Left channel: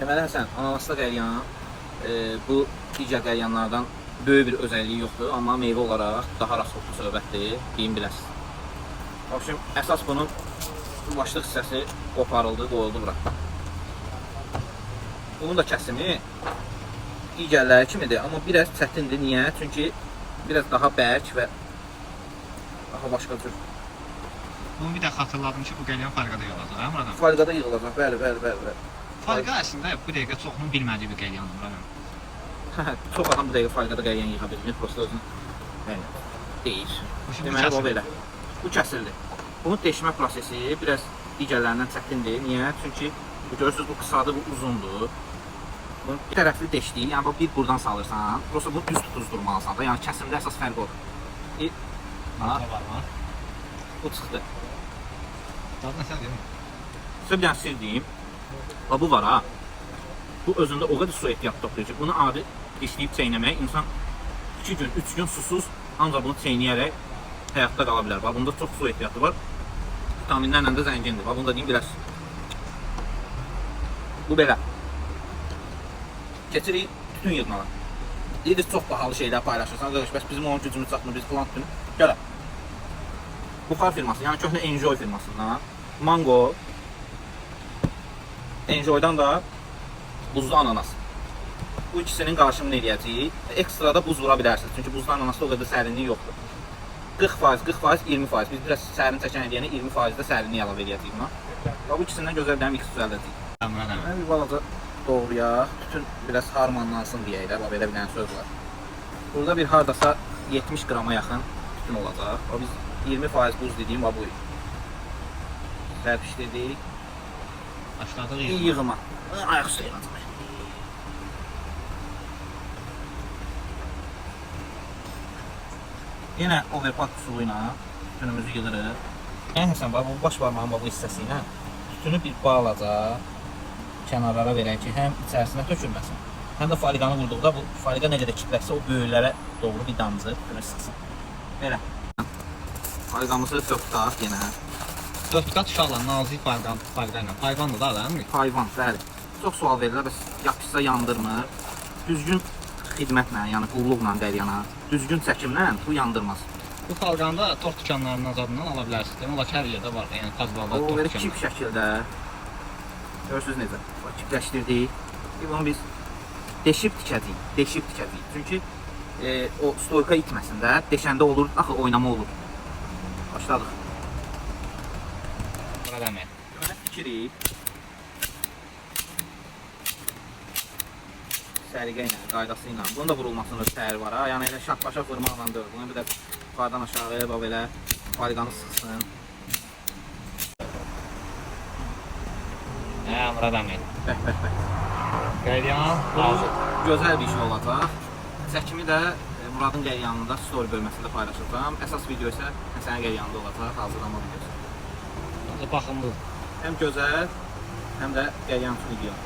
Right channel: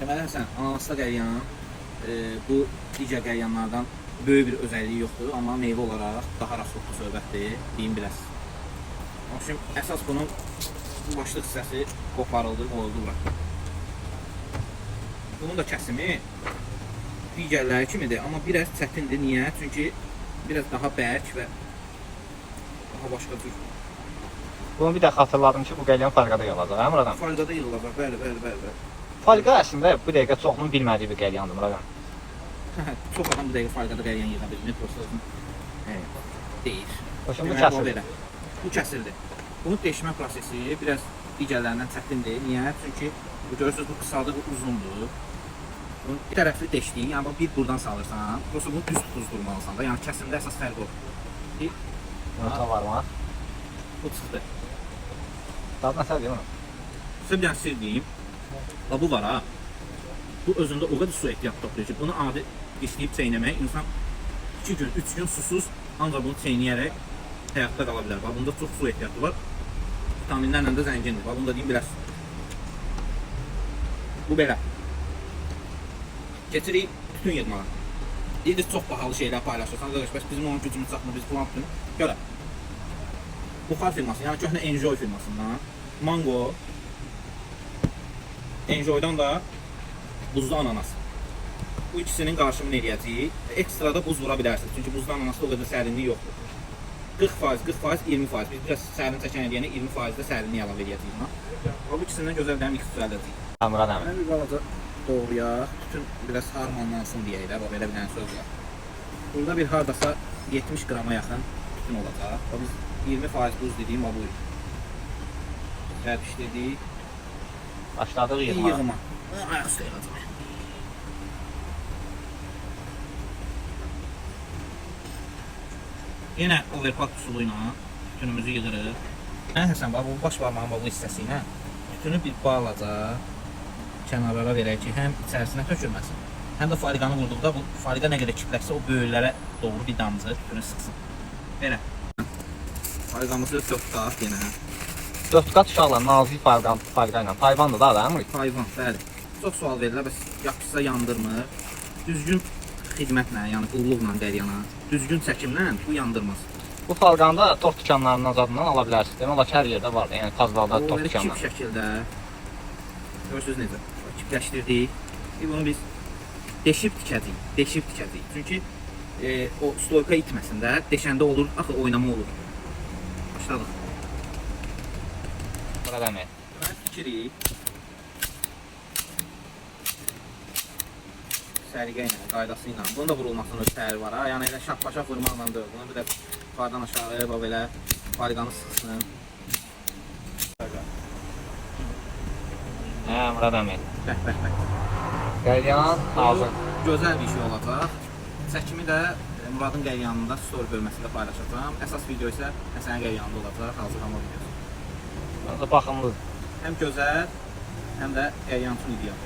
Deməli Həsən, ananaslı qəlyan bu digər qəlyanlardan böyük bir özəlliyi yoxdur, amma meyvə olaraq daha rasxodlu söhbətdir, deyim biləsiniz. Общем, əsas bunun başlıq hissəsi qoparıldı, qoyuldu bura. Bunun da kəsimi digərləri kimidir, amma biraz çətindir. Niyə? Çünki biraz daha bərk və daha başqa cür. Bunu bir də xatırladım ki, bu qəlyan Farqada yığılacaq, hə Murad? Farqada yığılacaq, bəli. Farqa əslində bu dəqiqə çoxunun bilmədiyi bir qəlyandır Murad. Çox adam bu dəqiqə Farqada qəlyan yığa bilmir, prosta özünü deyir. Hoşum bu Deməli, kəsilir. belə. Bu kəsildi. Bunun deşmə prosesi biraz digərlərindən çətindir. Niyə? Çünki bu görürsünüz, bu qısadır, bu uzundur. Bunu bir tərəfli deşdiyin, yəni bir buradan salırsan, prosta bunu düz tutuzdurmalısan da, yəni kəsimdə əsas fərq odur. Burada var mı? Bu çıxdı. Dad nəsə deyim? Sizə bir dənə sir deyim. Bu var ha. Bu özündə o qədər su ehtiyat toplayır ki, bunu adi dişləyib çeynəmək insan 2 gün, 3 gün susuz ancaq bunu çeynəyərək həyatda qala bilər. Bunda çox su ehtiyatı var. Vitaminlərlə də zəngindir. Bunu da deyim bilərsiniz. Bu belə. Keçirik tütün yığmağa. Deyirsiniz, çox bahalı şeylər paylaşırsan. Qardaş, bəs bizim onun gücümüz çatmır, biz falan tutun. Görə. Buxar firması, yəni köhnə Enjoy firmasından Mango, Enjoy'dan da buzlu ananas. Bu ikisinin qarşımını eləyəcəyik. Ekstra da buz vura bilərsiniz. Çünki buzlu ananasda o qədər sərinliyi yoxdur. 40%, 40%, 20%. Biz biraz sərin çəkən eləyənə 20% də sərinliyi əlavə eləyəcəyik buna. Bu ikisindən gözəl bir mix düzəldəcəyik. Murad əmi. Bir balaca doğrayaq. Tütün biraz harmanlansın deyək də. Belə bir dənə söz var. Burada bir hardasa 70 qrama yaxın tütün olacaq. O biz 20% buz dediyim bu idi. Sərpişdirdik. Başladıq yığma. Yığma. Ayaq üstə yığacaq. Yenə overpack üsulu ilə tütünümüzü yığırıq. Həsən, bax, bu baş barmağın bu hissəsi ilə tütünü bir bağlaca kənarlara verək ki, həm içərisinə tökülməsin, həm də faliqanı vurduqda bu faliqa nə qədər kitləşsə o böyüklərə doğru bir damcı tütünü sıxsın. Belə. Faliqamızı tökdaq yenə. 4 qat uşaqla nazik fayqa ilə. Payvandır da adamı. Payvan, bəli. Çox sual verirlər, bəs yapışsa yandırmır. Düzgün xidmətlə, yəni qulluqla qəryana, düzgün çəkimlə bu yandırmaz. Bu Farqanda tort dükanlarından zadından ala bilərsiniz. Demək olar ki, hər yerdə var. Yəni Kazvalda O tort belə kip dükanları. şəkildə. Görürsünüz necə? Kipləşdirdik. Bunu biz deşib tikəcəyik. Çünki o stoyka itməsin də, deşəndə olur, axı oynama olur. Başladıq. Murad əmi. Deməli tikirik. Səliqə ilə, qaydası ilə. Bunun da vurulmasının təhər var ha. Yəni elə şaq-başa vurmaqla deyil. Bunu bir də yuxarıdan aşağıya bax belə faliqanı sıxsın. Hə, Murad əmi. Bəh. Qəlyan hazır. Gözəl bir şey olacaq. Çəkimi də Muradın qəlyanında story bölməsində paylaşacağam. Əsas video isə Həsənin qəlyanında olacaq, hazırlama videosu. Baxımlıdır. Həm gözəl, həm də qəlyan üçün ideal.